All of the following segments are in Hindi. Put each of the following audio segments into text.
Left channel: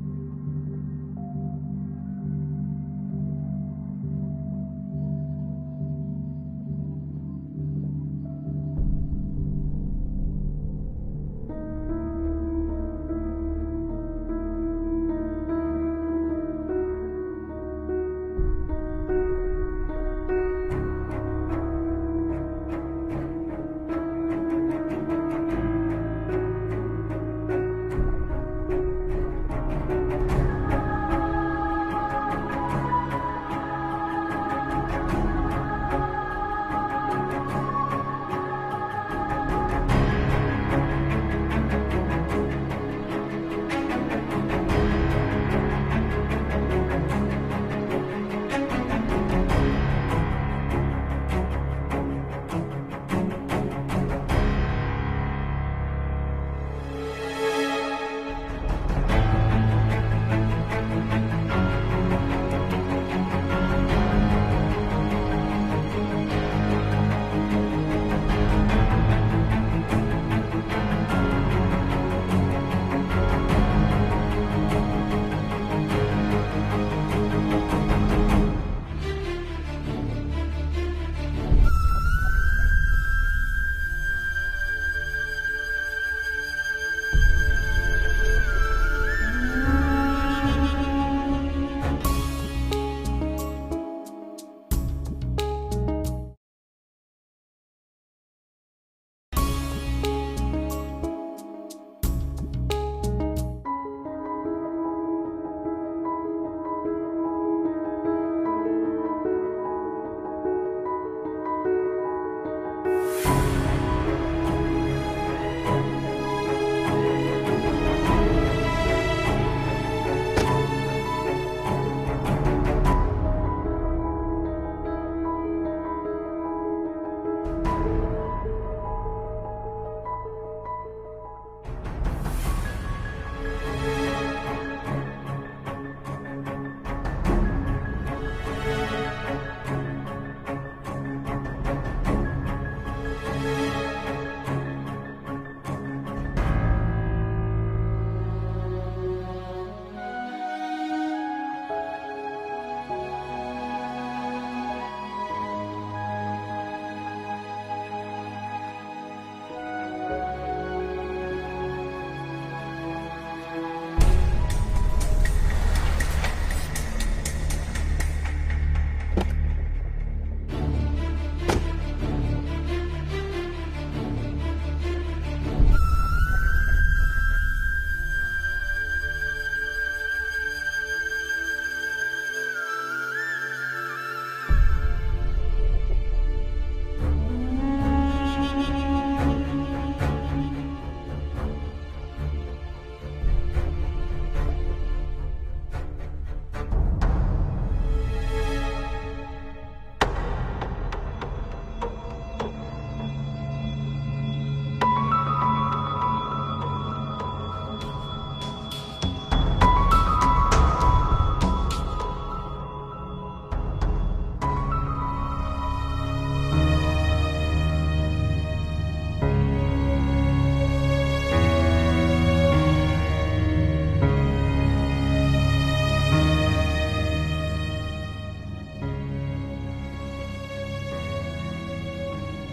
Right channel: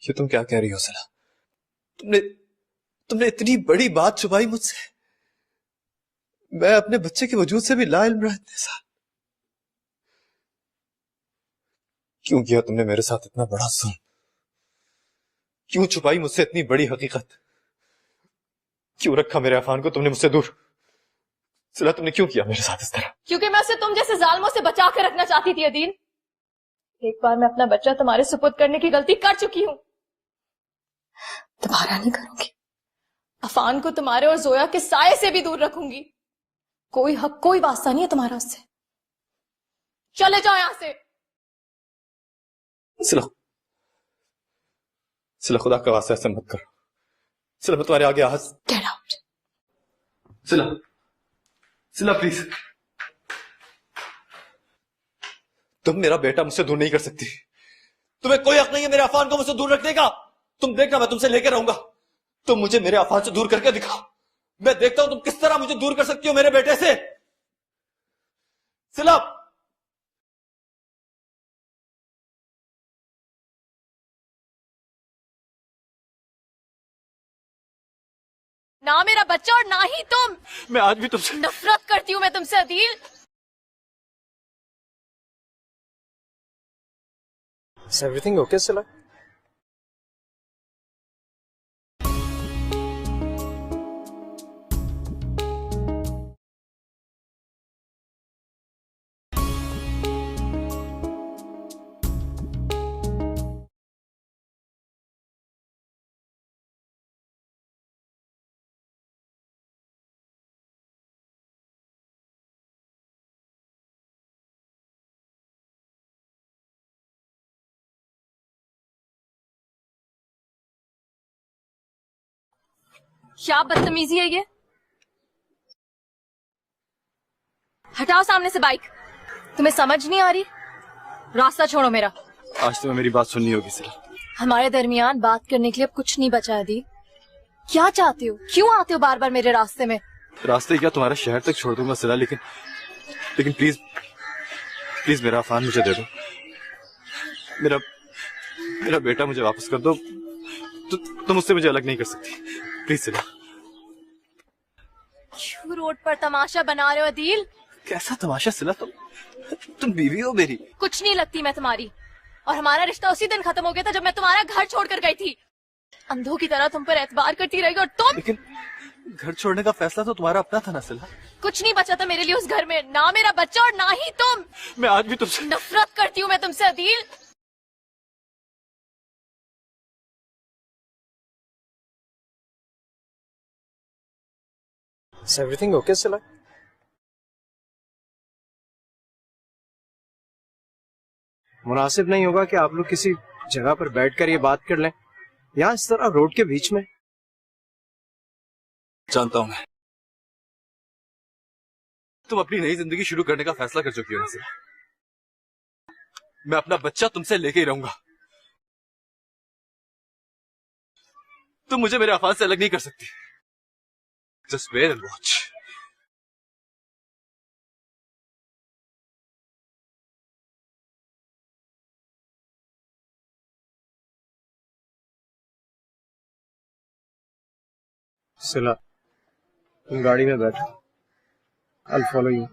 ये तुम क्या कह रही हो सिला? तुमने इतनी बड़ी बात छुपाई मुझसे। मैं अपने बच्चे के वजूद से भी लाइल्म रहा इतने साल। क्यों किया तुमने मेरे साथ इतना बड़ा जुल्म? क्यों छुपाई मुझसे इतनी बड़ी हकीकत? क्यों रखा मेरे अफान को तुमने मुझसे दूर? सिला, तुमने क्यों किया मेरे साथ इस तरह? क्योंकि मैं उसे तुम जैसे जालिमों से बचा कर रखना चाहती थी अदील। एक बार मैं अपना बच्चा तुम्हारे सुपुर्द करने की गलती कर चुकी हूँ, दोबारा नहीं करूंगी। अफान को तुम्हारे और जोया के साये से भी दूर रखूंगी। कोई हक कोई वास्ता नहीं है तुम्हारा उससे। चले जाओ यहाँ से। सिला, खुदा का वास्ता ऐसा मत करो। सिला, मैं तुम्हारे आगे हाथ। Get out. सिला प्लीज। तुम मेरा बेटा मुझसे दूर नहीं कर सकती। तुम्हें कोई हक नहीं है मेरे अफान को मुझसे दूर रखने का। तुम देखना, मैं तुमसे लेकर रहूंगा। तुम मुझे मेरे अफान से दूर करके दिखाओ। मैं देखता हूं तुम किस तरह मुझे दूर कर सकती हो मेरे बेटे से। सिला, ना मेरा बच्चा और ना ही तुम। मैं आज भी तुमसे नफरत करती हूँ मैं तुमसे Adeel. Is everything okay, Sila? क्या बदतमीजी है ये? हटाओ सामने से बाइक। तुम्हें समझ नहीं आ रही? रास्ता छोड़ो मेरा। आज तुम्हें मेरी बात सुननी होगी सिला। हमारे दरमियान बात करने के लिए अब कुछ नहीं बचा है दी। क्या चाहती हो? क्यों आते हो बार बार मेरे रास्ते में? रास्ते क्या तुम्हारे शहर तक छोड़ दूंगा सिला, लेकिन प्लीज मेरा अफान मुझे दे दो। मेरा बेटा मुझे वापस कर दो। तुम उससे मुझे अलग नहीं कर सकती। प्लीज सिला। क्यों रोड पर तमाशा बना रहे हो अदील? कैसा तमाशा सिला? तुम बीवी हो मेरी। कुछ नहीं लगती मैं तुम्हारी। और हमारा रिश्ता उसी दिन खत्म हो गया था जब मैं तुम्हारा घर छोड़कर गई थी। अंधों की तरह तुम पर एतबार करती रही और तुम। लेकिन घर छोड़ने का फैसला तो तुम्हारा अपना था ना सिला। कुछ नहीं बचा था मेरे लिए उस घर में, ना मेरा बच्चा और ना ही तुम। मैं आज भी तुमसे नफरत करती हूँ मैं तुमसे Adeel. Is everything okay, Sila? मुनासिब नहीं होगा कि आप लोग किसी जगह पर बैठकर ये बात कर लें, यहाँ इस तरह रोड के बीच में। जानता हूं तुम अपनी नई जिंदगी शुरू करने का फैसला कर चुकी हो इनसे। मैं अपना बच्चा तुमसे लेके ही रहूंगा। तुम मुझे मेरे अफान से अलग नहीं कर सकती। Just wait and watch. सिला, तुम गाड़ी में बैठो। I'll follow you.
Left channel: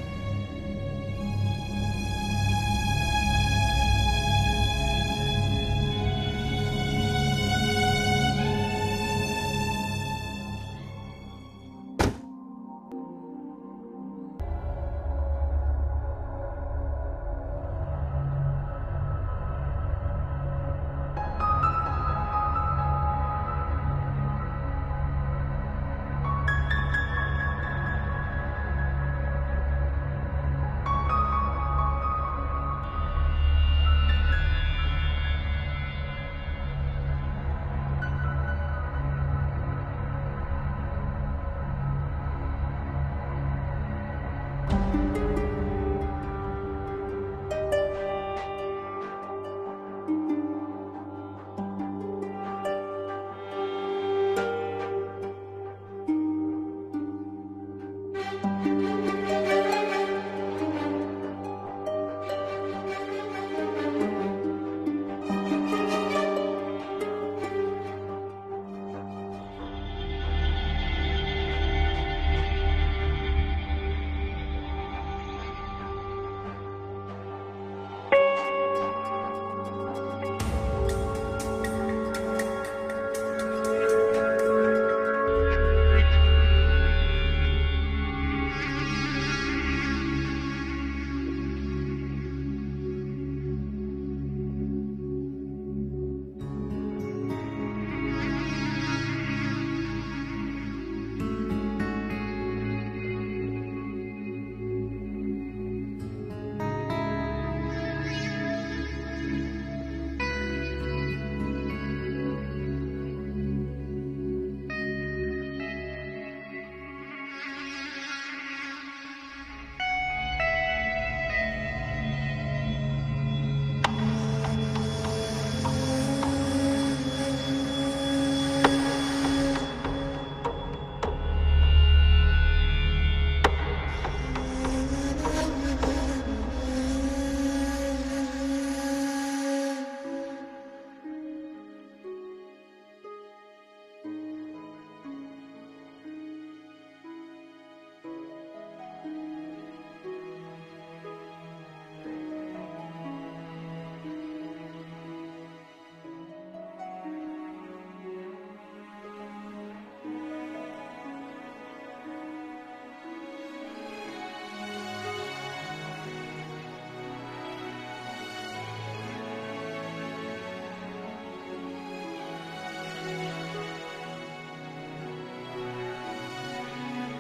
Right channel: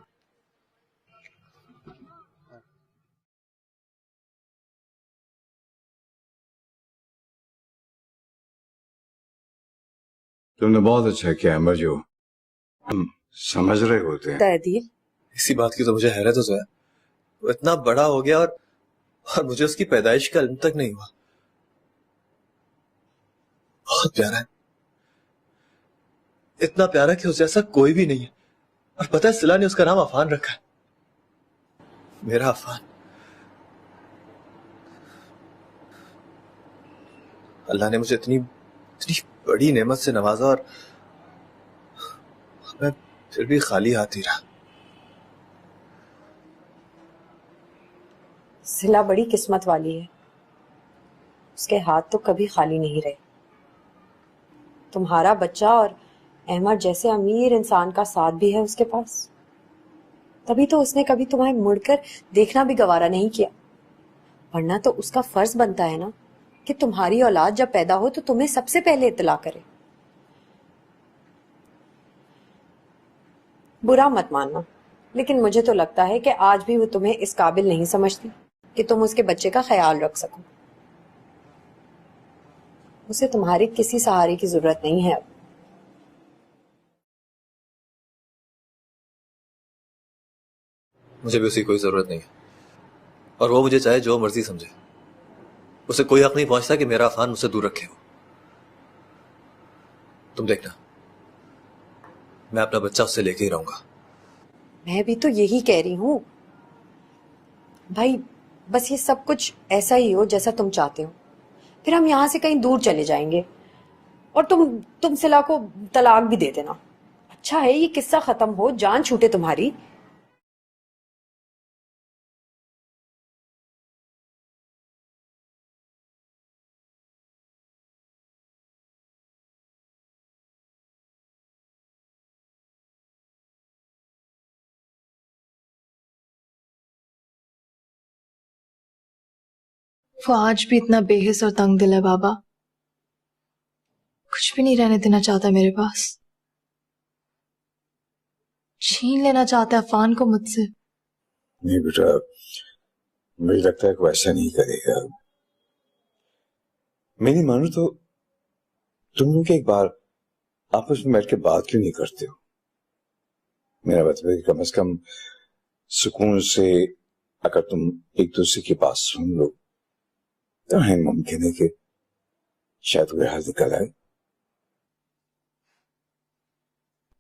तुमने बहुत अच्छा किया अमर, जो हम समझ रहे होते हैं। दादी, इसी बात की तो मुझे हैरत हो जोया। वो इतना बड़ा हो गया और मुझे उसकी पैदाइश का इल्म तक नहीं हुआ। बहुत प्यारा है, इतना प्यारा कि उस जैसा कोई भी नहीं है। और पता है सिला ने उसका नाम अफान रखा है। मेरा अफान। अल्लाह ने मुझे इतनी बड़ी नेमत से नवाजा और मैं फिर भी खाली हाथ ही रहा। सिला बड़ी किस्मत वाली है, उसके हाथ तो कभी खाली नहीं रहे। तुम्हारा बच्चा और अहमद जैसे अमीर इंसान का साथ भी है उसके पास, तभी तो उसने कभी तुम्हें मुड़कर देखना भी गवारा नहीं किया। वरना तो उसका फर्ज बनता है ना कि तुम्हारी औलाद जब पैदा हो तो तुम्हें सबसे पहले इत्तला करे। बुरा मत मानना, लेकिन मुझे तो लगता है कि आज भी वो तुम्हें इस काबिल नहीं समझती कि तुम उसके बच्चे का ख्याल रख सको। उसे तुम्हारी किसी सहारे की जरूरत नहीं है। मुझे भी उसकी कोई जरूरत नहीं, और वो मुझे चाहे जो मर्जी समझे। उसे कोई हक नहीं पहुंचता कि मेरा अफान मुझसे दूर रखे। तुम देखना, मैं अपना बच्चा उससे लेके ही रहूंगा। मैं भी तो यही कह रही हूँ भाई, बस ये सब कुछ ऐसा ही हो जैसा तुम चाहते हो, फिर हम यहाँ से कहीं दूर चले जाएंगे और तुम सिला को तलाक भी दे देना। अच्छा है ये किस्सा खत्म हो, जान छूटे तुम्हारी। वो आज भी इतना बेहिस और तंग दिल है बाबा, कुछ भी नहीं रहने देना चाहता मेरे पास। छीन लेना चाहता है अफान को मुझसे। नहीं बेटा, मुझे लगता है कि वैसा नहीं करेगा। मैं नहीं मानू तो तुम लोग एक बार आपस में बैठ के बात क्यों नहीं करते? मेरा मतलब है कि कम से कम सुकून से अगर तुम एक दूसरे की बात सुन लो तो है मुमकिन है कि शायद वो हाल निकल आए।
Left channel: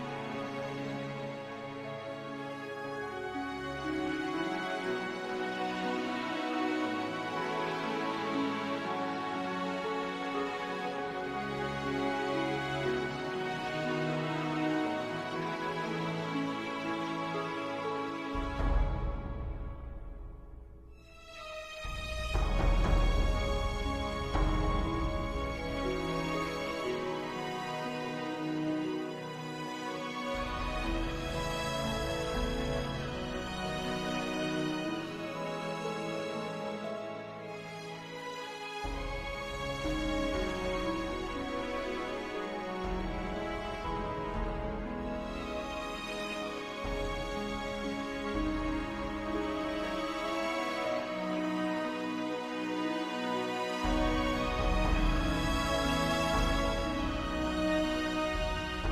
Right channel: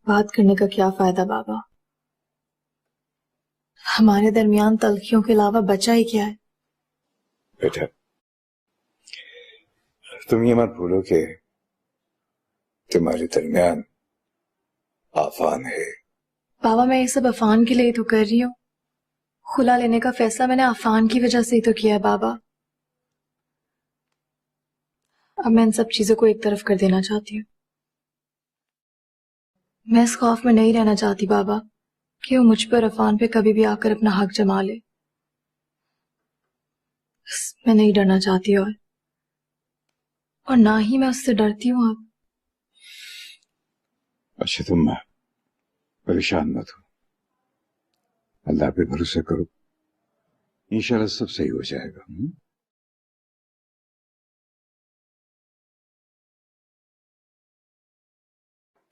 बात करने का क्या फायदा बाबा, हमारे दरमियान तलखियों के अलावा बचा ही क्या है? बेटा तुम ये मत भूलो कि तुम्हारे दरमियान आफान है। बाबा मैं ये सब अफान के लिए तो कर रही हूँ। खुला लेने का फैसला मैंने अफान की वजह से ही तो किया है बाबा। अब मैं इन सब चीजों को एक तरफ कर देना चाहती हूँ। मैं इस खौफ में नहीं रहना चाहती बाबा कि वो मुझ पर अफान पे कभी भी आकर अपना हक जमा ले। बस मैं नहीं डरना चाहती और ना ही मैं उससे डरती हूँ। अब अच्छा तुम परेशान मत हो, अल्लाह पे भरोसा करो, इंशाल्लाह सब सही हो जाएगा।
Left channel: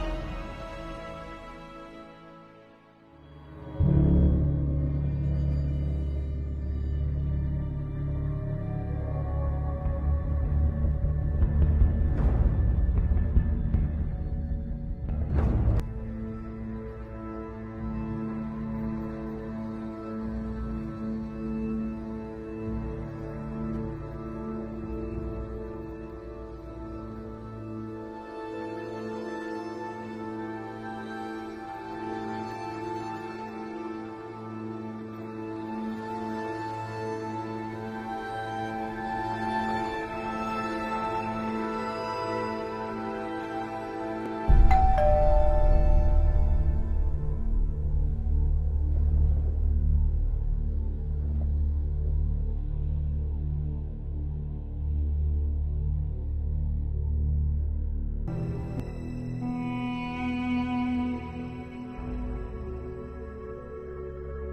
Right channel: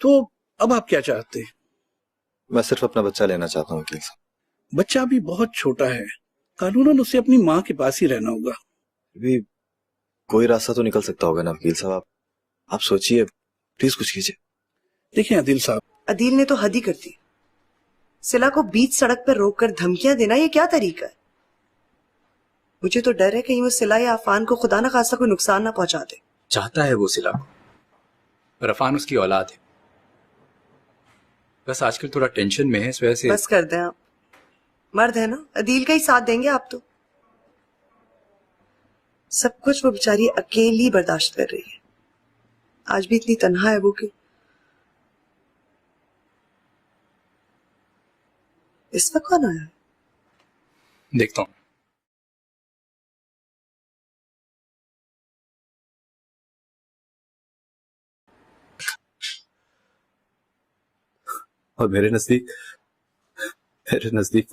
तो अब आप क्या चाहते हैं? मैं सिर्फ अपना बच्चा लेना चाहता हूँ वकील साहब। बच्चा अभी बहुत छोटा है, कानूनन उसे अपनी माँ के पास ही रहना होगा। अभी कोई रास्ता तो निकल सकता होगा ना वकील साहब? आप सोचिए, प्लीज कुछ कीजिए। देखिए आदिल साहब, अदील ने तो हद ही कर दी। सिला को बीच सड़क पर रोककर धमकियां देना ये क्या तरीका है? मुझे तो डर है कहीं वो सिला या अफान को खुदा न खासा कोई नुकसान ना पहुंचा दे। चाहता है वो सिला को, पर अफान उसकी औलाद है। बस आजकल थोड़ा टेंशन में है, इस वजह से। बस कर दें आप, मर्द है ना, अदील का ही साथ देंगे आप तो। सब कुछ वो बेचारी अकेली बर्दाश्त कर रही है। आज भी इतनी तन्हा है वो क्यों? इस वक्त कौन आया? देखता हूँ। और मेरे नजदीक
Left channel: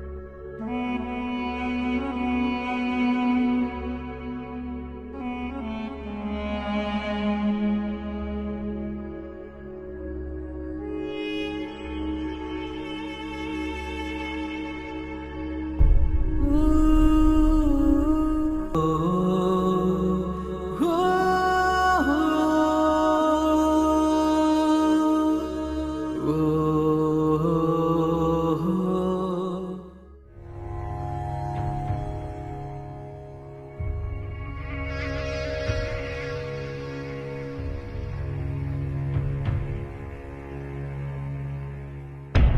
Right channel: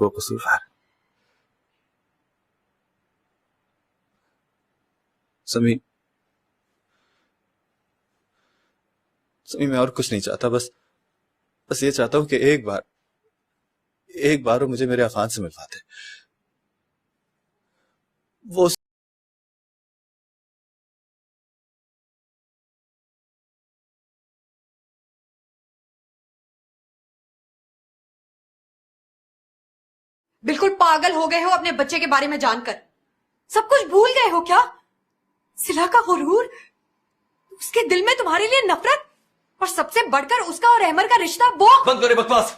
वो कसूरवार समी मैं और कुछ नहीं चाहता। बस ये चाहता हूँ कि एक बार वो मुझे मेरे अफान से मिलवा दे। वो बिल्कुल पागल हो गए हो अपने बच्चे के बारे में जानकर। सब कुछ भूल गए हो क्या? सिला का गुरूर, उसके दिल में तुम्हारे लिए नफरत, और सबसे बढ़कर उसका और अहमर का रिश्ता। वो बंद करे बकवास।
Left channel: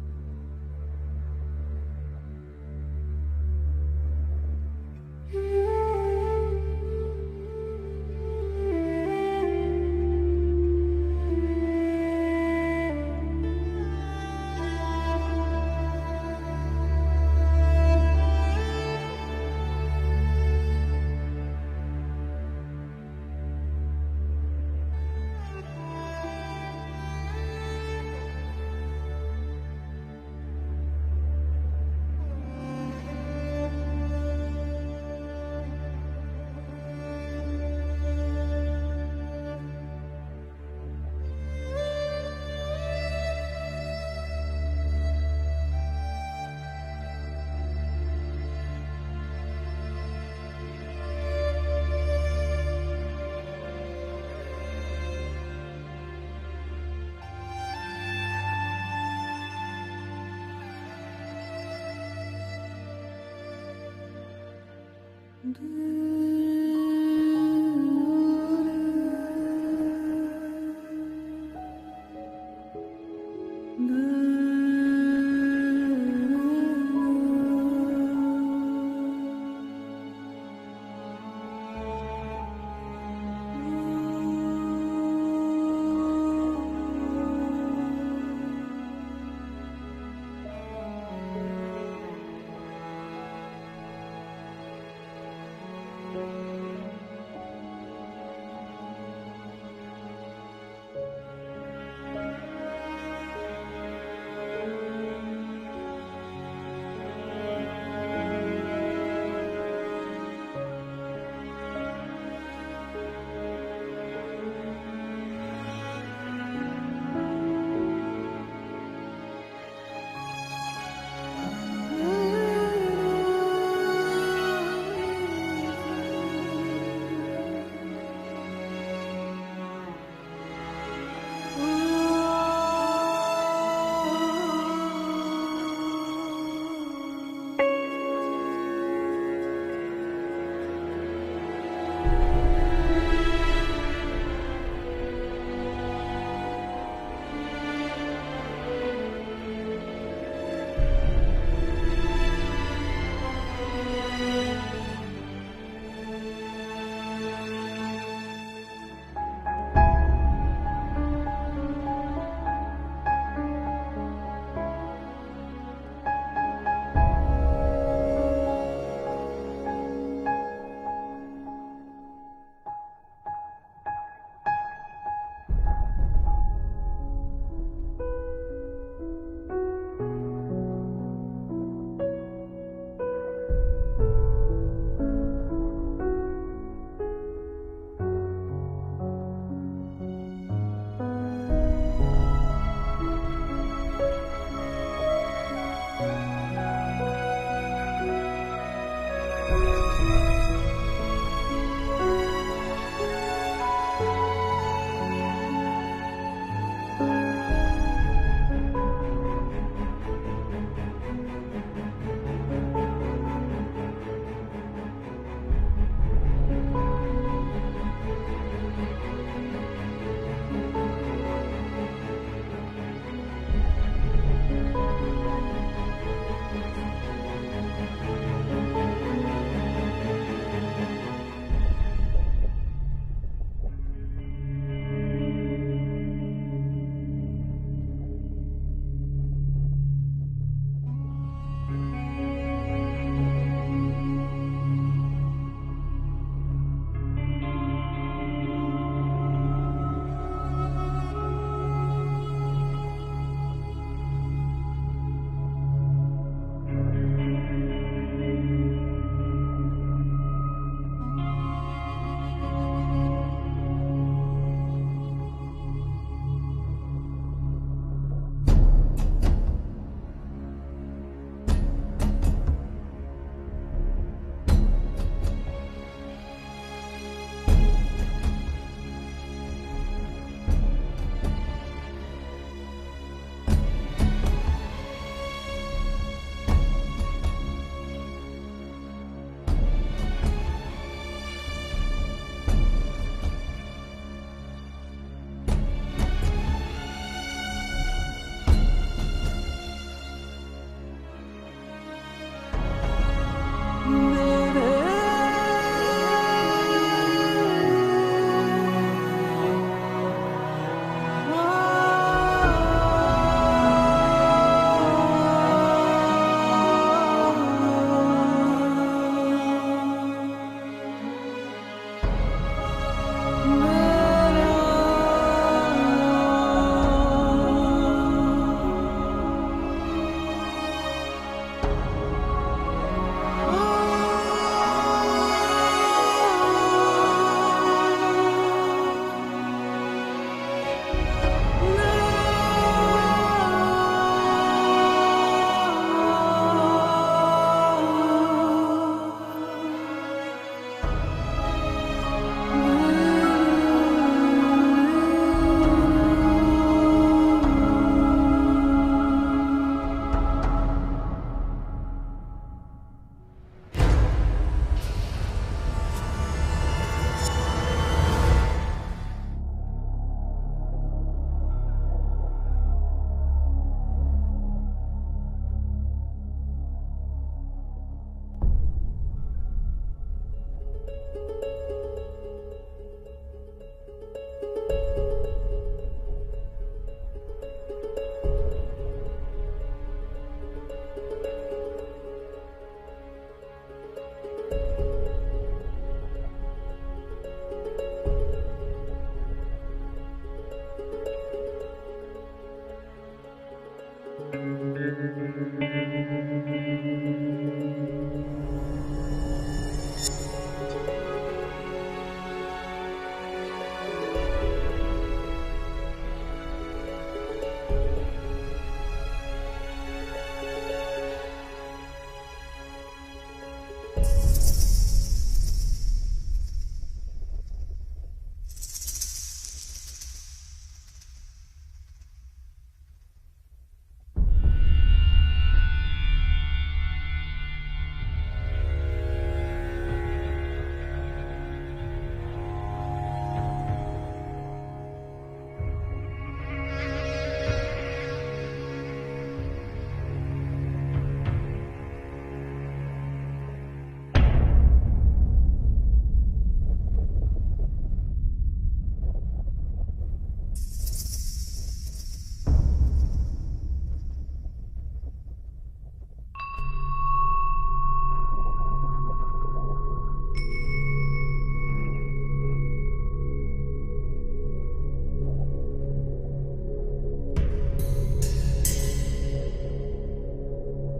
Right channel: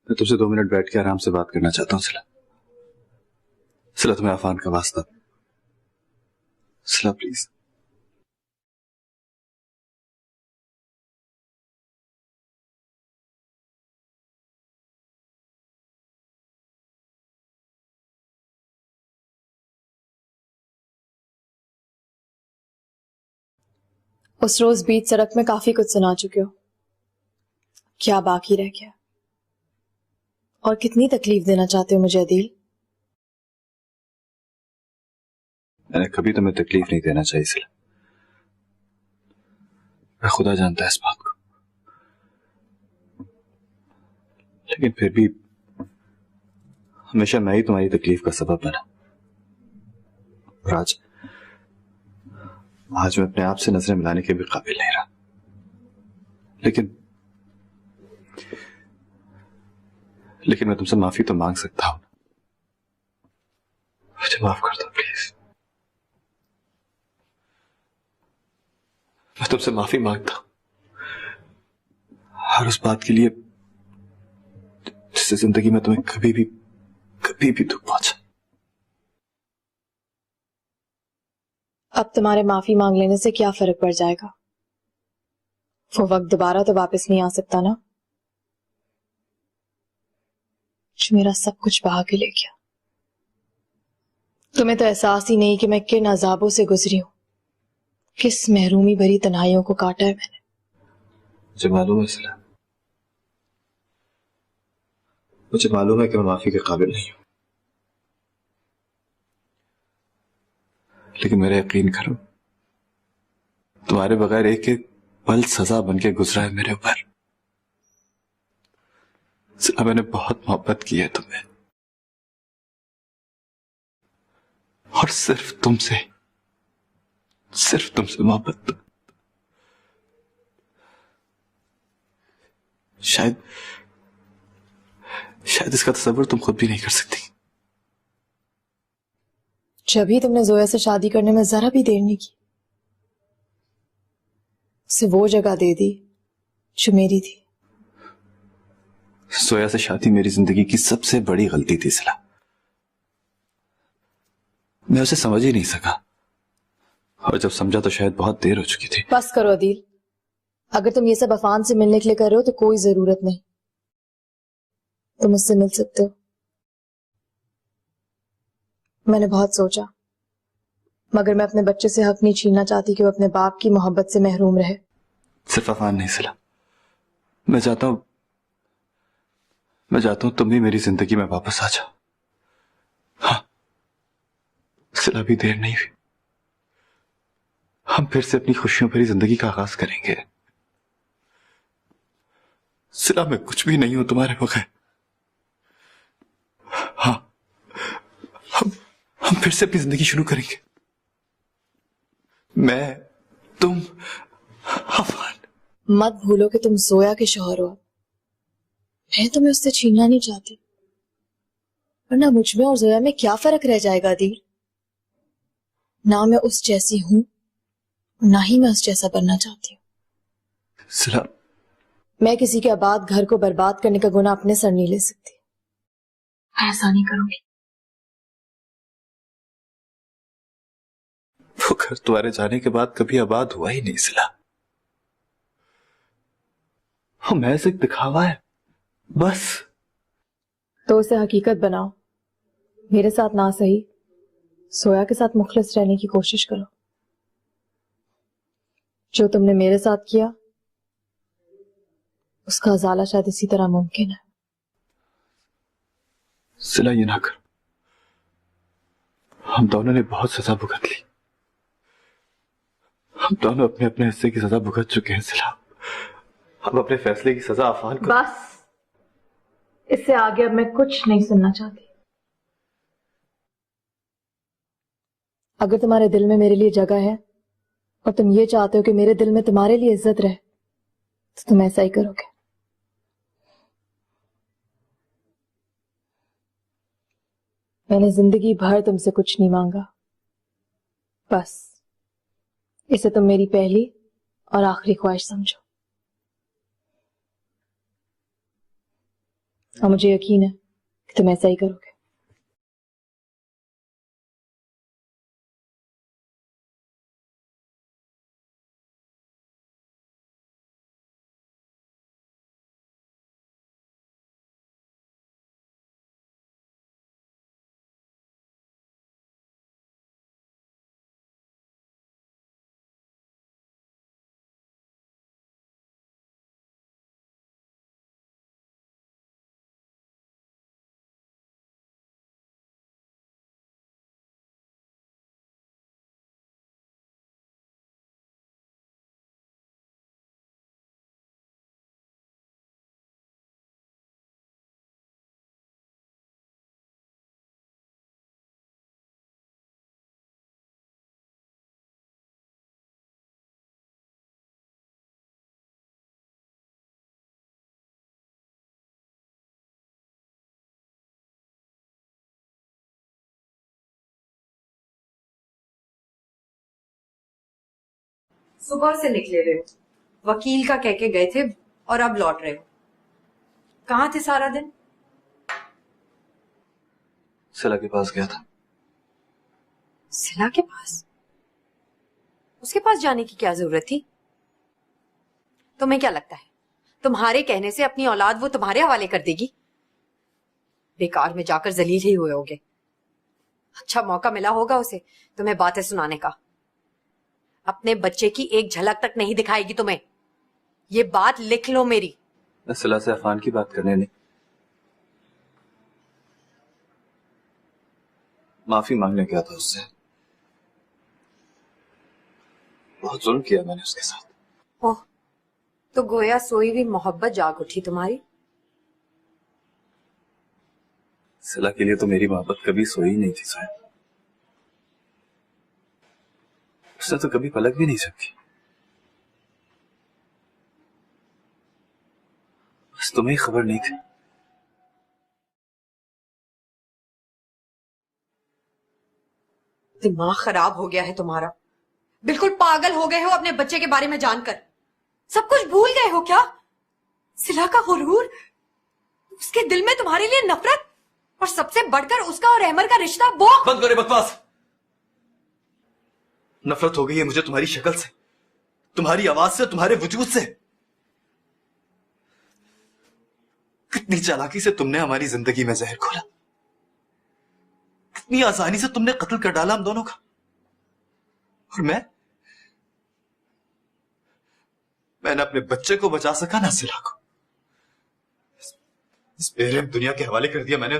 मैं तुझसे 2 मिनट बैठ के आराम से बात करना चाहता हूँ सिला तुम्हें अफान का वास्ता। सिला प्लीज। उस रोज बीच सड़क में काफी कुछ सुना चुके हो। क्या बाकी रह गया और कितनी तकलीफ देना चाहते हो मुझे अदील? मैंने कभी तुम्हें तकलीफ नहीं देना चाहिए सिला। मैं खुदा जानता है इस बात को, लेकिन फिर भी हमेशा मैं ही तुम्हारी तकलीफ का सबब बना। और आज मैं अपने आप से नजरें मिलाने के भी काबिल नहीं रहा। लेकिन मैं तुमसे माफी तो मांग सकता हूं। मुझे माफ कर दो प्लीज। मैं तुमसे माफी मांगता हूं हर उस बात के लिए जिससे जिंदगी में तुम्हें कभी भी दुख पहुंचा। अब तुम्हारे माफी मांग लेने से क्या फर्क पड़ जाएगा? वो वक्त दोबारा तो वापस नहीं आ सकता ना, जो मेरा सब कुछ बहा के ले गया। तुम्हें तो एहसास ही नहीं कि मैं किन अजाबों से गुजरी हूं, किस महरूमी भरी तन्हाइयों को काटा है मैंने। मुझे मालूम है सिला, मुझे मालूम है कि मैं माफी के काबिल नहीं हूं, लेकिन मेरा यकीन करो, तुम्हारे बगैर एक एक पल सजा बनके गुजरा है मेरे ऊपर। सिला, मैंने बहुत मोहब्बत की है तुम्हें, और सिर्फ तुमसे मोहब्बत। शायद इसका तसव्वुर तुम खुद भी नहीं कर सकती। जब ही तुमने जोया से शादी करने में जरा भी देर नहीं की, उसे वो जगह दे दी जो मेरी थी। जोया से शादी मेरी जिंदगी की सबसे बड़ी गलती थी सिला। मैं उसे समझ ही नहीं सका, और जब समझा तो शायद बहुत देर हो चुकी थी। बस करो अदील, अगर तुम ये सब अफान से मिलने के लिए कर रहे हो तो कोई जरूरत नहीं, तुम उससे मिल सकते हो। मैंने बहुत सोचा, मगर मैं अपने बच्चे से हक नहीं छीनना चाहती कि वो अपने बाप की मोहब्बत से महरूम रहे। सिर्फ अफान नहीं सिला, मैं चाहता हूं तुम भी मेरी जिंदगी में वापस आ जाओ। हाँ सिला, भी देर नहीं हुई, हम फिर से अपनी खुशियों भरी जिंदगी का आगाज करेंगे। सिला, मैं कुछ भी नहीं हूं तुम्हारे बगैर। हाँ, हम फिर से अपनी जिंदगी शुरू करेंगे, मैं, तुम, अफान। मत भूलो कि तुम जोया के शौहर हो। मैं तुम्हें उससे छीनना नहीं चाहती, वरना मुझ में और जोया में क्या फर्क रह जाएगा अदील? ना मैं उस जैसी हूं, ना ही मैं उस जैसा बनना चाहती। सिला, मैं किसी के आबाद घर को बर्बाद करने का गुनाह अपने सर नहीं ले सकती। मैं ऐसा नहीं करूंगी। वो घर तुम्हारे जाने के बाद कभी आबाद हुआ ही नहीं सिला। महज एक दिखावा है बस। तो उसे हकीकत बनाओ। मेरे साथ ना सही, सोया के साथ मुखलिस रहने की कोशिश करो। जो तुमने मेरे साथ किया, उसका अजाला शायद इसी तरह मुमकिन है। सिला, ये ना कर। हम दोनों ने बहुत सजा भुगत ली। हम दोनों अपने अपने हिस्से की सजा भुगत चुके हैं सिला। हम अपने फैसले की सजा अफान को। बस, इससे आगे अब मैं कुछ नहीं सुनना चाहती। अगर तुम्हारे दिल में मेरे लिए जगह है और तुम ये चाहते हो कि मेरे दिल में तुम्हारे लिए इज्जत रहे, तो तुम ऐसा ही करोगे। मैंने जिंदगी भर तुमसे कुछ नहीं मांगा, बस इसे तुम मेरी पहली और आखिरी ख्वाहिश समझो। और मुझे यकीन है कि तुम ऐसा ही करोगे। सुबह से निकले रहे हो, वकील का कह के गए थे और अब लौट रहे हो। कहाँ थे सारा दिन? सिला के पास गया था। सिला के पास? उसके पास जाने की क्या जरूरत थी? तुम्हें क्या लगता है तुम्हारे कहने से अपनी औलाद वो तुम्हारे हवाले कर देगी? बेकार में जाकर जलील ही हुए होगे। अच्छा मौका मिला होगा उसे तुम्हें बातें सुनाने का। अपने बच्चे की एक झलक तक नहीं दिखाएगी तुम्हें, ये बात लिख लो मेरी। मैं सिला से अफान की बात करने नहीं, माफी मांगने गया था उससे। बहुत जुल्म किया मैंने उसके साथ। ओह, तो गोया सोई हुई मोहब्बत जाग उठी तुम्हारी। सिला के लिए तो मेरी मोहब्बत कभी सोई नहीं थी स्वयं। उसने तो कभी पलक भी नहीं झपकी। बस तुम्हें खबर नहीं थी। दिमाग खराब हो गया है तुम्हारा, बिल्कुल पागल हो गए हो अपने बच्चे के बारे में जानकर। सब कुछ भूल गए हो क्या? सिला का गुरूर, उसके दिल में तुम्हारे लिए नफरत, और सबसे बढ़कर उसका और अहमर का रिश्ता। वो बंद करो बकवास। नफरत हो गई है मुझे तुम्हारी शक्ल से, तुम्हारी आवाज से, तुम्हारे वजूद से। कितनी चालाकी से तुमने हमारी जिंदगी में जहर घोला, कितनी आसानी से तुमने कत्ल कर डाला हम दोनों का। और मैंने अपने बच्चे को बचा सका ना सिला को। इस बेरहम दुनिया के हवाले कर दिया मैंने।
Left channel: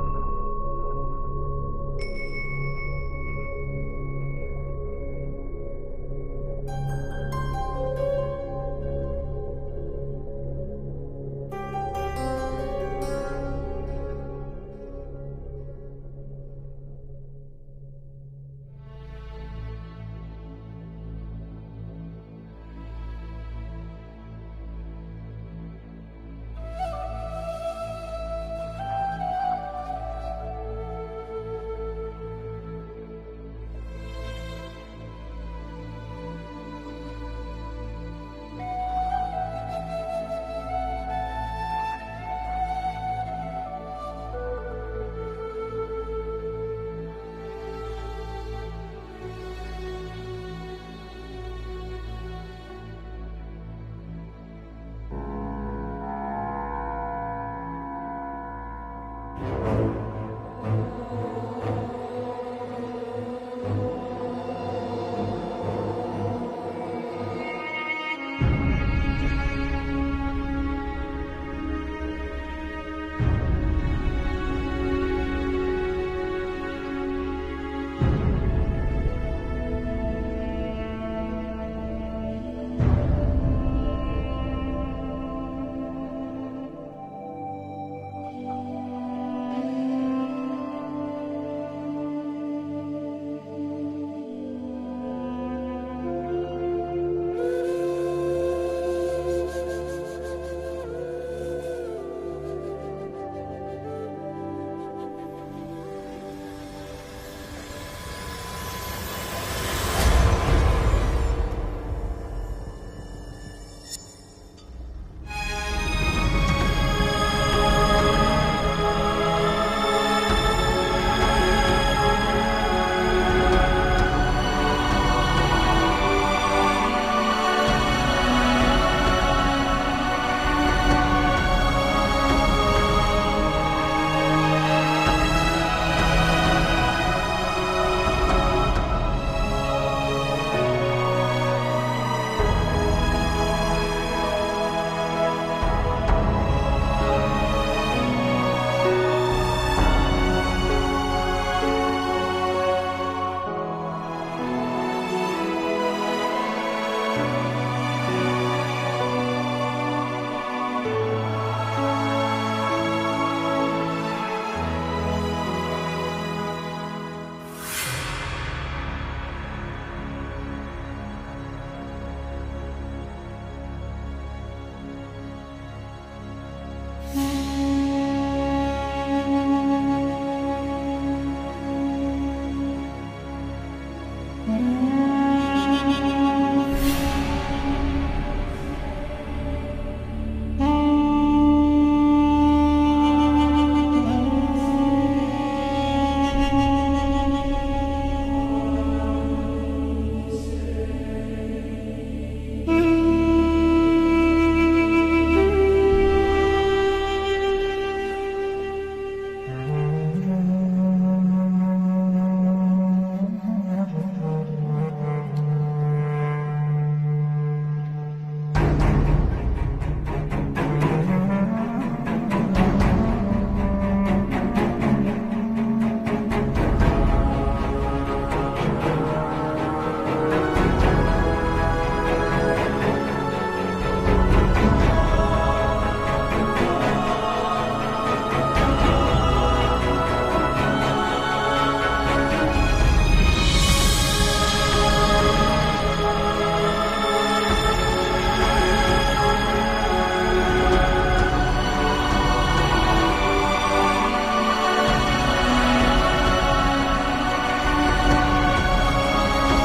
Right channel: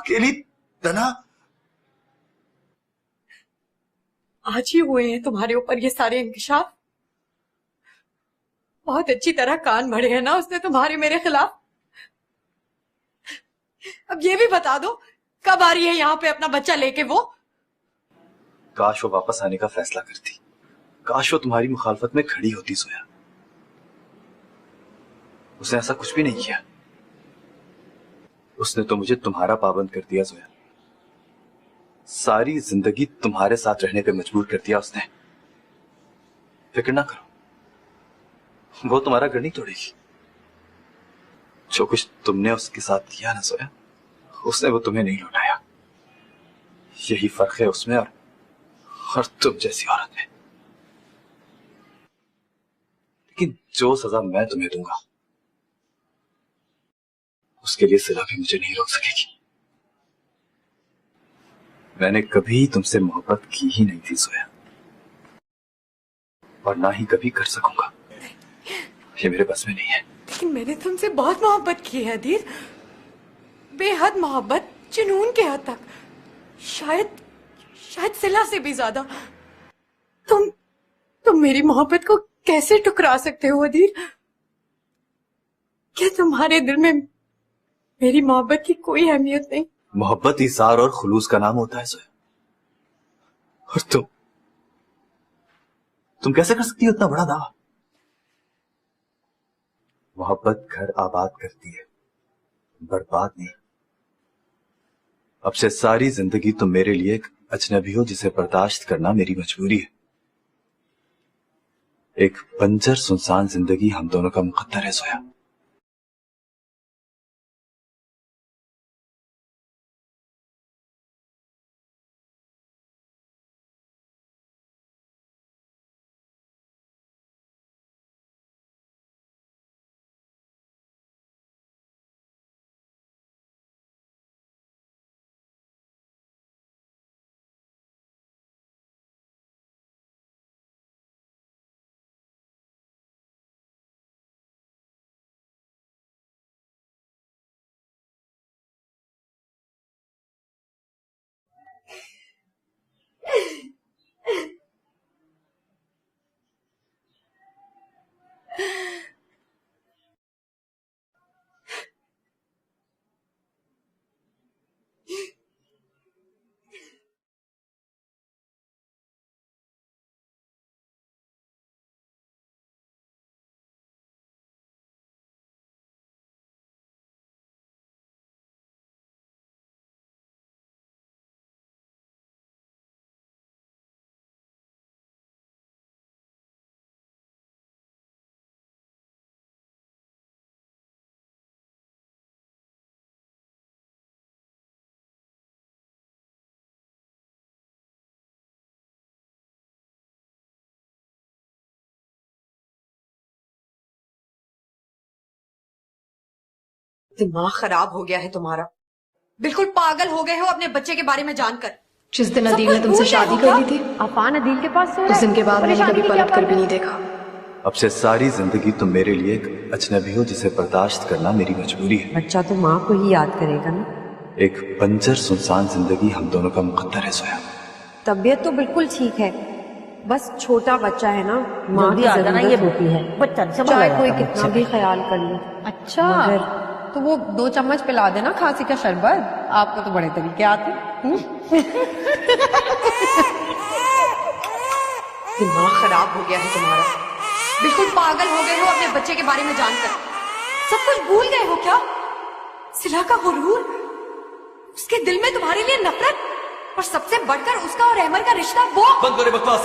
अकेली तना। आज ही हुए हैं तुम्हारे ऊपर ये सारे इंकशाफ। बहुत अच्छी तरह कान भरे हैं ना उसने तुम्हारे मेरे खिलाफ। अब ये भी बता दो कब आ रही है यहाँ पे अपना बच्चा लेके वो? काश वो वापस आने का फैसला करती, काश वो तुम्हारी मुखालफत में खड़ी होती सोया। उसने ऐसा कुछ भी नहीं किया। उसने तो मुझे तुम्हारा पाबंद कर दिया सोया। सारी जिंदगी तुम्हारे साथ रहने पर मजबूर कर दिया उसने। फिक्र ना करो, वो तुम्हारा घर नहीं तोड़ेगी। जो कुछ तुमने उसके साथ किया ना सोया, उसने वो तुम्हें नहीं लौटाया। यही फर्क है उसमें और तुम जैसी औरत में। लेकिन जो सजा मैं तुम्हें दूंगा उसके लिए सिला भी मुझे नहीं रोक सकेगी। मैंने कभी तुमसे मोहब्बत की ही नहीं थी सोया, और ना ही कभी कर सकूंगा। ये मेरे बस में नहीं है। मैंने तुमसे बहुत मोहब्बत की है अधीर, बेहद मोहब्बत, जुनून के हद तक। शायद सिला से भी ज्यादा। तुम मेरी मोहब्बत को कैसे ठुकरा सकते हो अधीर? क्या तुम्हारे दिल में मेरी मोहब्बत की कोई अहमियत नहीं? मोहब्बत इज़हार और खुलूस का नाम होता है सोया। और तुम कैसे कर सकती हो इतना बड़ा दावा? मोहब्बत घर आबाद करती है, बर्बाद नहीं। अब से सारी जिंदगी तुम मेरे लिए एक अजनबी हो जिसे बर्दाश्त करना मेरी मजबूरी है। एक बंजर सुनसान जिंदगी हम दोनों का मुकद्दर है सोया। दिमाग खराब हो गया है तुम्हारा। बिल्कुल पागल हो गए हो अपने बच्चे के बारे में जानकर। जिस दिन सब अदील कुछ ने तुमसे भूल गए शादी हो कर क्या? ली थी, अफान अदील के पास सो रहा उस है। दिन के बाद मैंने परेशानी कभी की पलट क्या कर भी बात नहीं देखा। अब से सारी जिंदगी तुम मेरे लिए एक अजनबी हो जिसे बर्दाश्त करना मेरी मजबूरी है। बच्चा तो माँ को ही याद करेगा ना। एक बंजर सुनसान जिंदगी हम दोनों का मुकद्दर है सोया। तबीयत तो बिल्कुल ठीक है, बस छोटा बच्चा है ना, माँ की आदत जरूरत ये है। होती है। चाहे कोई कितना भी ख्याल कर ले। अच्छा, तो वो 2 चम्मच पिला देना खांसी का शरबत। आपको तो बड़े तरीके आते हैं। दिमाग खराब हो गया है तुम्हारा। बिल्कुल पागल हो गए हो अपने बच्चे के बारे में जानकर। सब कुछ भूल गए हो क्या? सिला का कबूल, उसके दिल में तुम्हारे लिए नफरत, और सबसे बढ़कर उसका और अहमद का रिश्ता वो। बंद करो बकवास।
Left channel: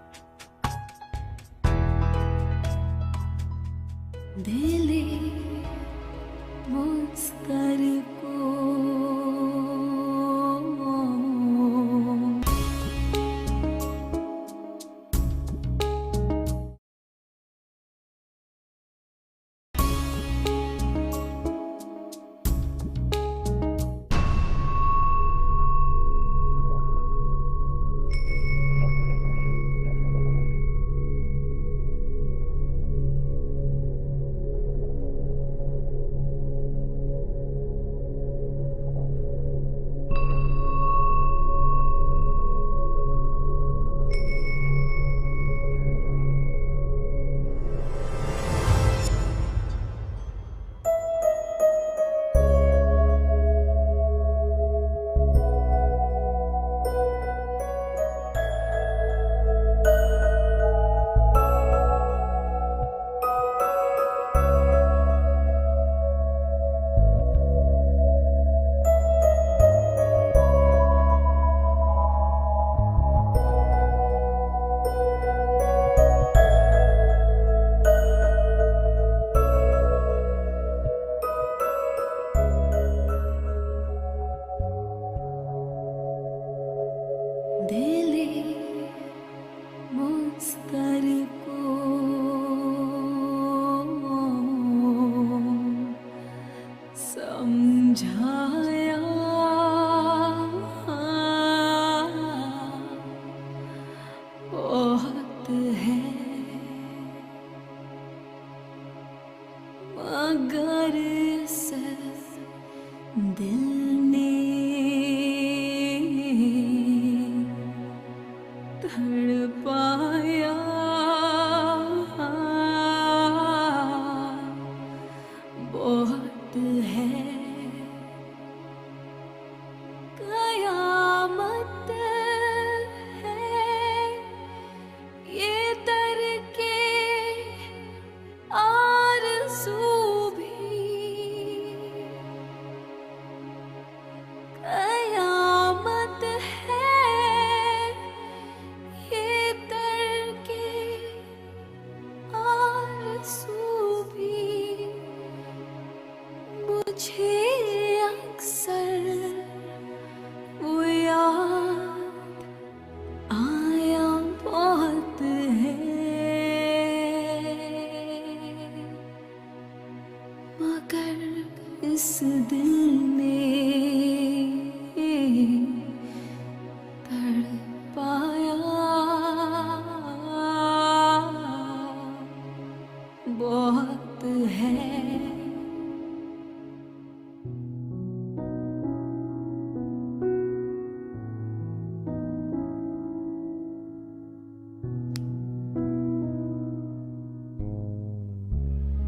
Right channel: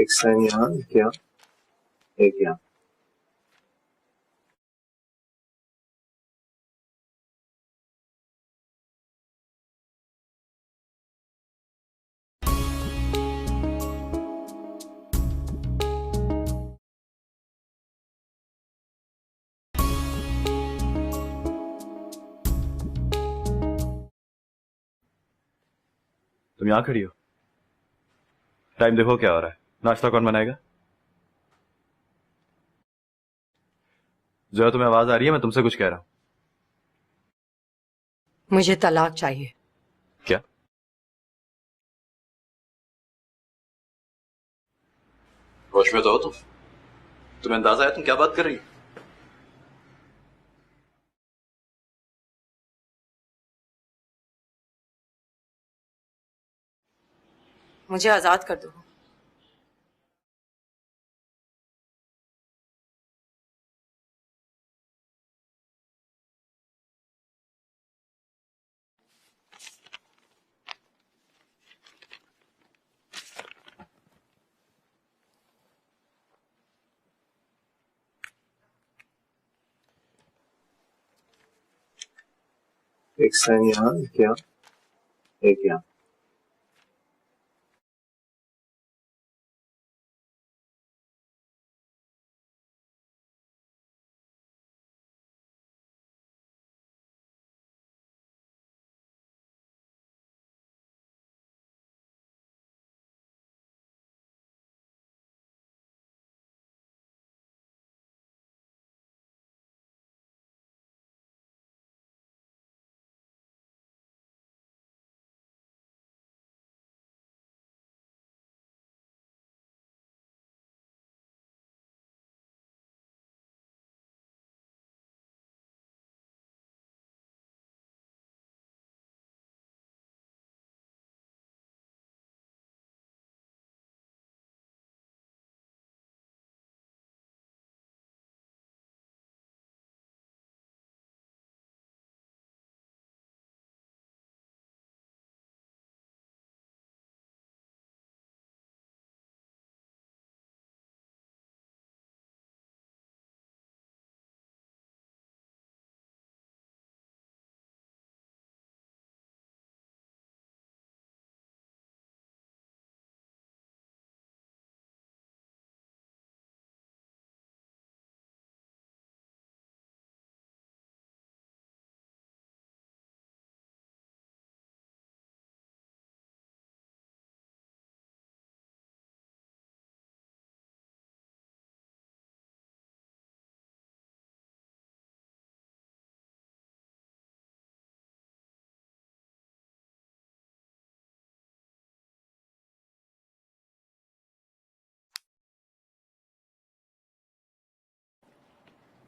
एक साइन यहाँ, एक यहाँ, एक यहाँ। तुम यहाँ खड़ी हो? टाइम देखो क्या हो रहा है। नाश्ता कौन बनाएगा? जो है तुम्हें आवाज आ रही है? मैं तुमसे कुछ कह रहा हूं। मुझे तलाक चाहिए। क्या? होश में तो हो तुम? तुम्हें अंदाजा है तुम क्या बात कर रही हो? मुझे आजाद कर दो। एक साइन यहाँ, एक यहाँ, एक यहाँ।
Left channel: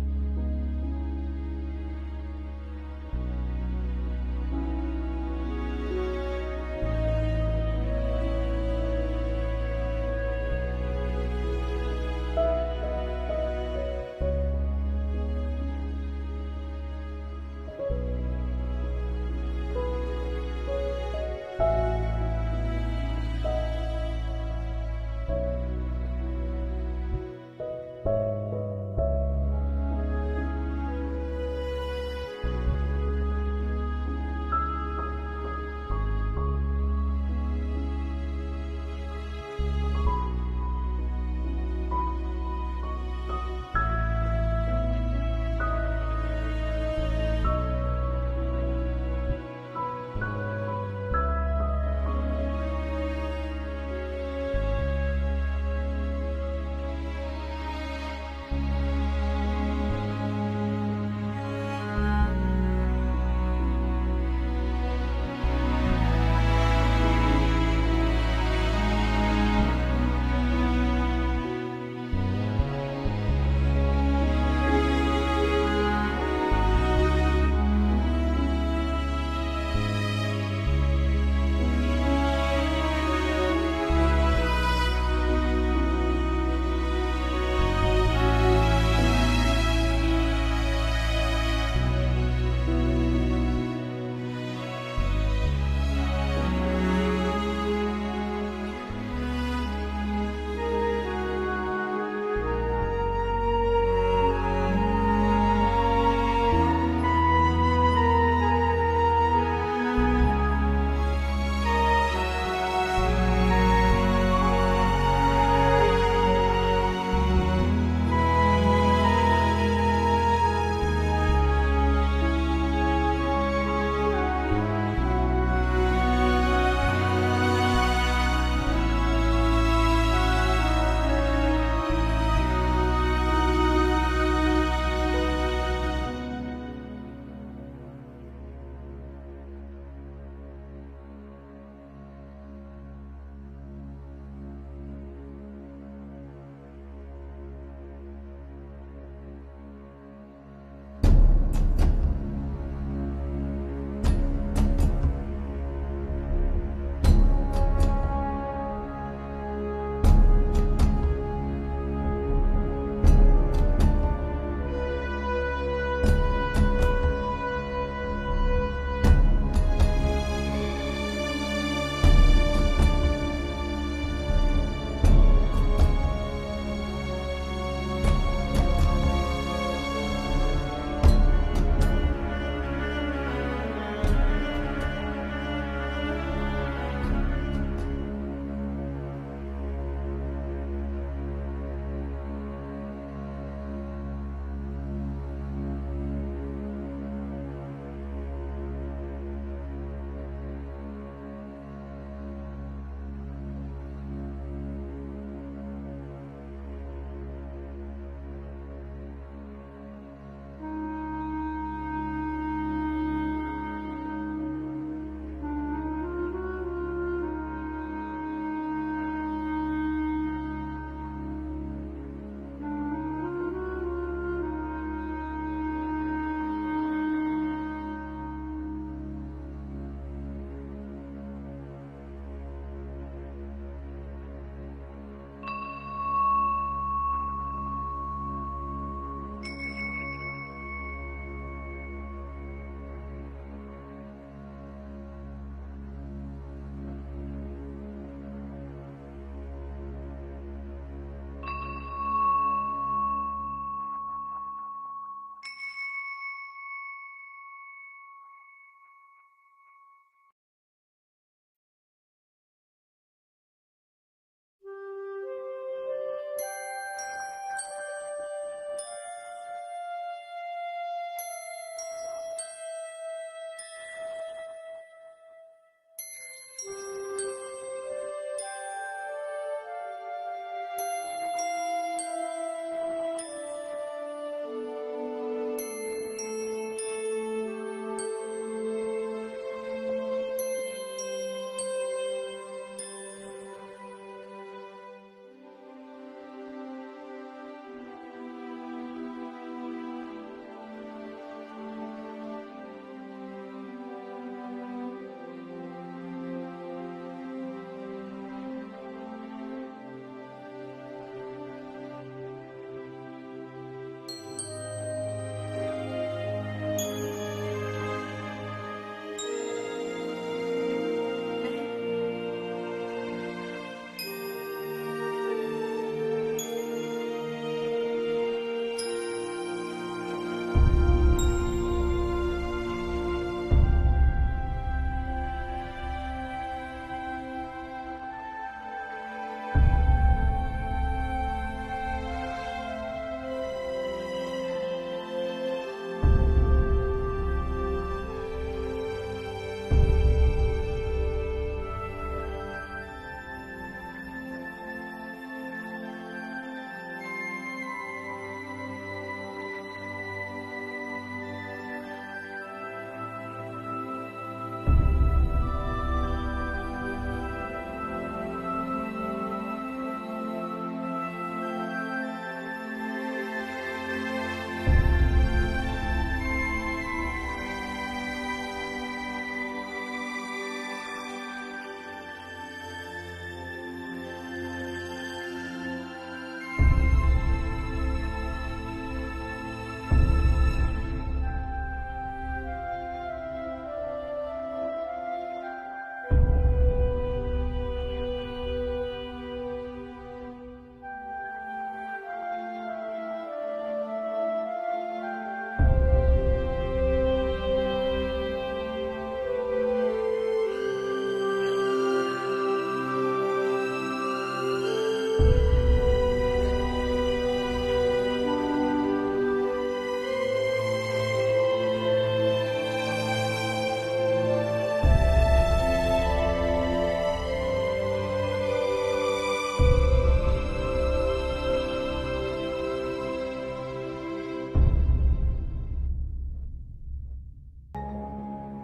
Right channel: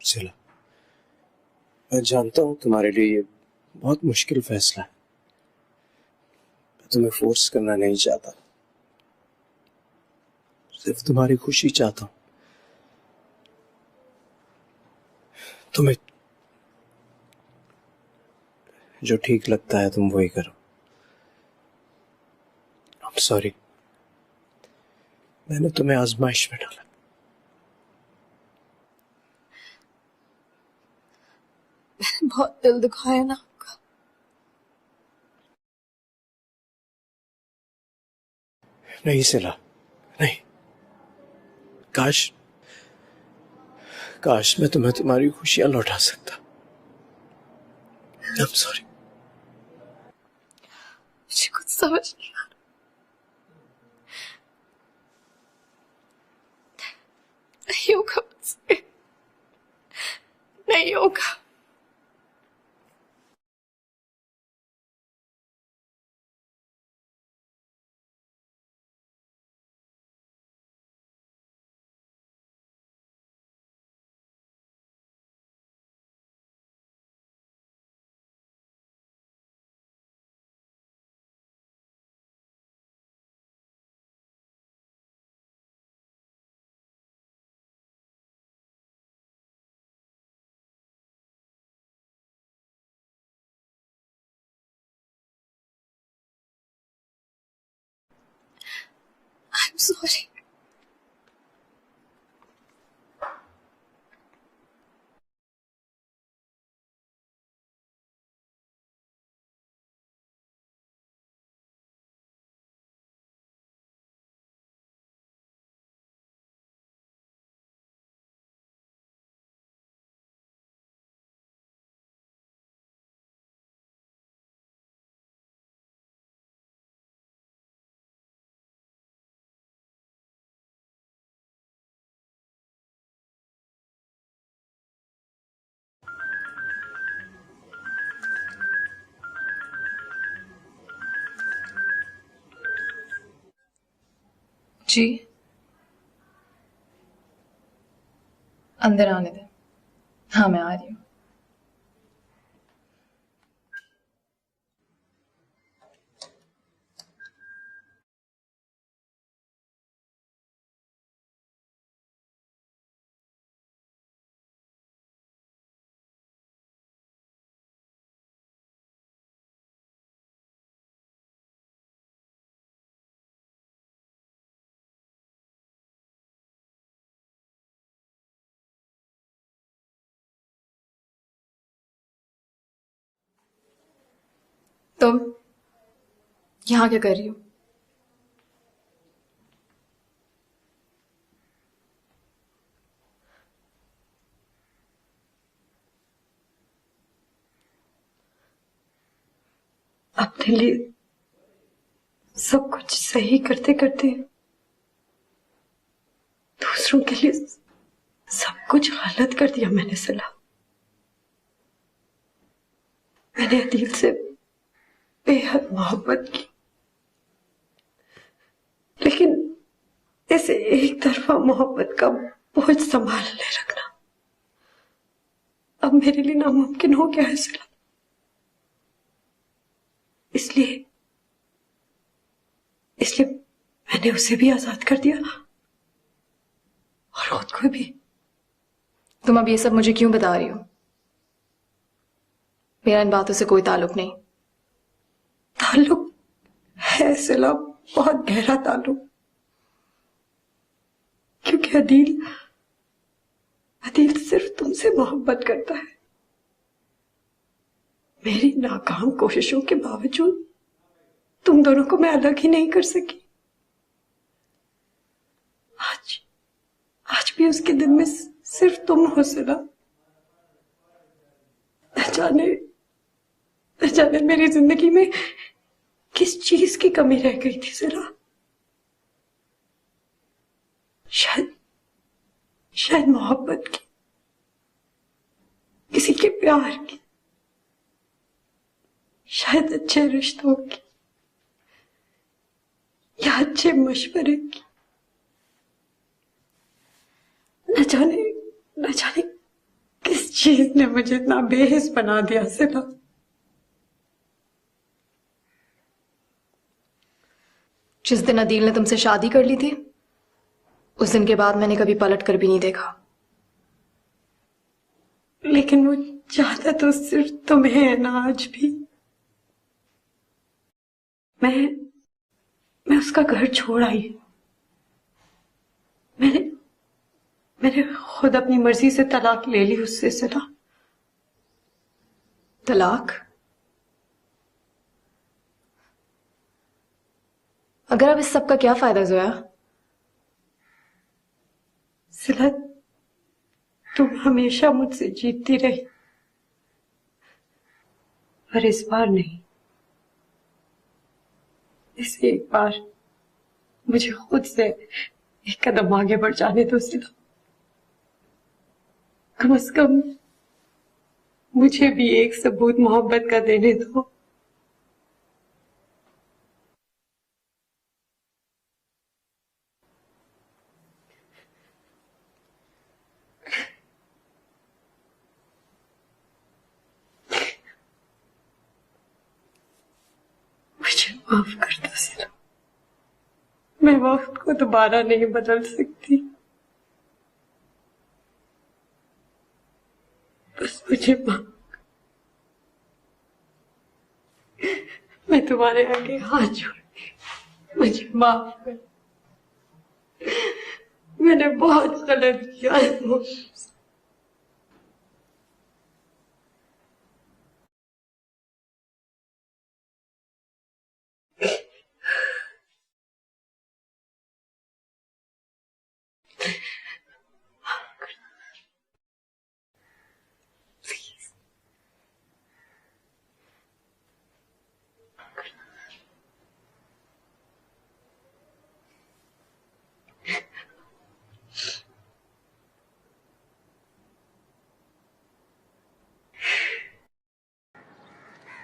सिला, मैं जानता हूँ तुम्हारे लिए ये बहुत मुश्किल फैसला है। तुम्हें फोर्स करना नहीं चाहता, सिर्फ तुम्हारी खुशी चाहता हूँ। तुम्हें जो ठीक लगता है तुम वही करो। I'm sorry, मैंने तुम्हें आजमाइश में डाला। मैंने बहुत दिल दुखाया ना आपका। नहीं सिला, नहीं। काश काश मैं तुम्हें तुम्हारी खुशियां लौटा सकता। I'm sorry। मुझे कुछ समझ नहीं आ रहा। नहीं होगा मुझसे, नहीं होगा। I'm sorry। जी, अंदर आने दे। हाँ, मैं आ रही हूँ। तुम यहाँ क्या कर रही हो? अपने लिए सब कुछ सही करते करते दूसरों के लिए सब कुछ गलत कर दिया मैंने सिला। मैंने अदील से बेहद मोहब्बत की, लेकिन ऐसे एक तरफा मोहब्बत का बोझ संभाले रखना अब मेरे लिए नामुमकिन हो गया है सिला। इसलिए मैंने उसे भी आजाद कर दिया और खुद को भी। तुम अब ये सब मुझे क्यों बता रही हो? मेरा इन बातों से कोई ताल्लुक नहीं। ताल्लुक है सिला, बहुत गहरा ताल्लुक, क्योंकि अदील सिर्फ तुमसे मोहब्बत करता है। मेरी नाकाम कोशिशों के बावजूद तुम दोनों को मैं अलग ही नहीं कर सकी। आज भी उसके दिल में सिर्फ तुम हो सिला। न जाने मेरी जिंदगी में किस चीज की कमी रह गई थी सिला। शायद मोहब्बत की, किसी के प्यार की, शायद अच्छे रिश्तों की या अच्छे मशवरे की। न जाने किस चीज ने मुझे इतना बेहिस बना दिया सिला। जिस दिन अदील ने तुमसे शादी कर ली थी, उस दिन के बाद मैंने कभी पलट कर भी नहीं देखा। लेकिन वो चाहता तो सिर्फ तुम्हें है ना। आज भी मैं उसका घर छोड़ आई। मैंने खुद अपनी मर्जी से तलाक ले ली उससे सिला। तलाक? अगर अब इस सब का क्या फायदा जोया? सिला, तुम हमेशा मुझसे जीतती रही, पर इस बार नहीं। इस एक बार मुझे खुद से एक कदम आगे बढ़ जाने दो सिला। कम से कम मुझे भी एक सबूत मोहब्बत का देने दो। मुझे माफ कर दो सिला, मैं वक्त को दोबारा नहीं बदल सकती, बस मुझे माफ। मैं तुम्हारे आगे हाथ जोड़ती हूँ, मुझे माफ कर। मैंने बहुत गलत किया है।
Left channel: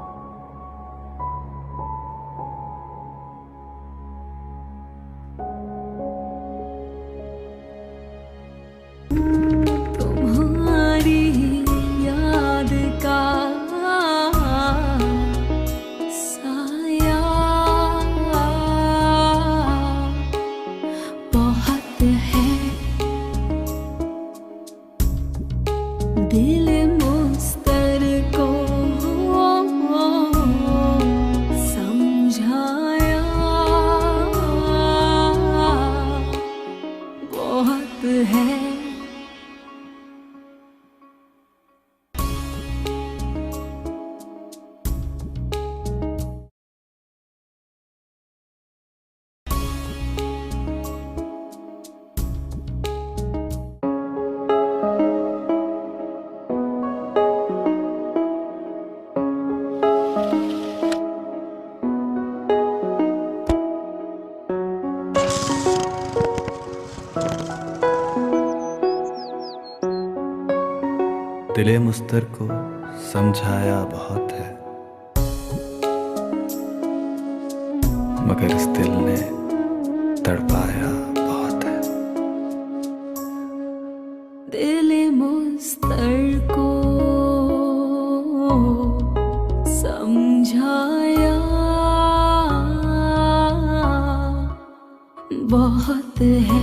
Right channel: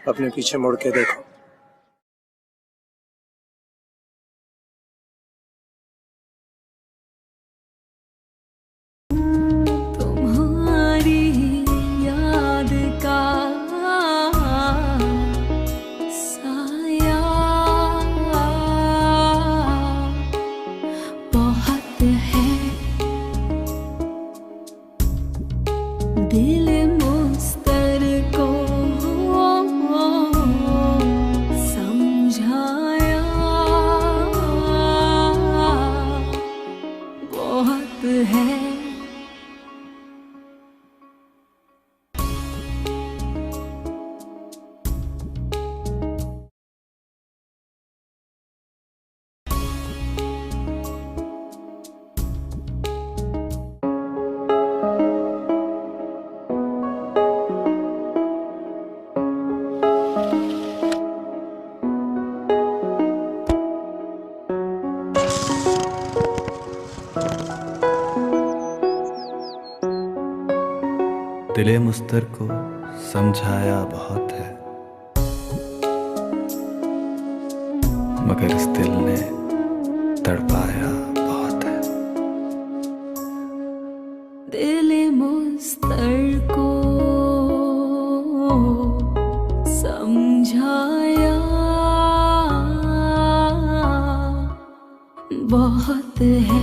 अपने पीछे मुड़ के देखो। तुम्हारी याद का साया बहुत है, दिल मुस्तर को समझाया बहुत है। दिले मुस्तर को समझाया बहुत है, मगर इस दिल ने तड़पाया बहुत है। दिले मुस्तर को समझाया बहुत है।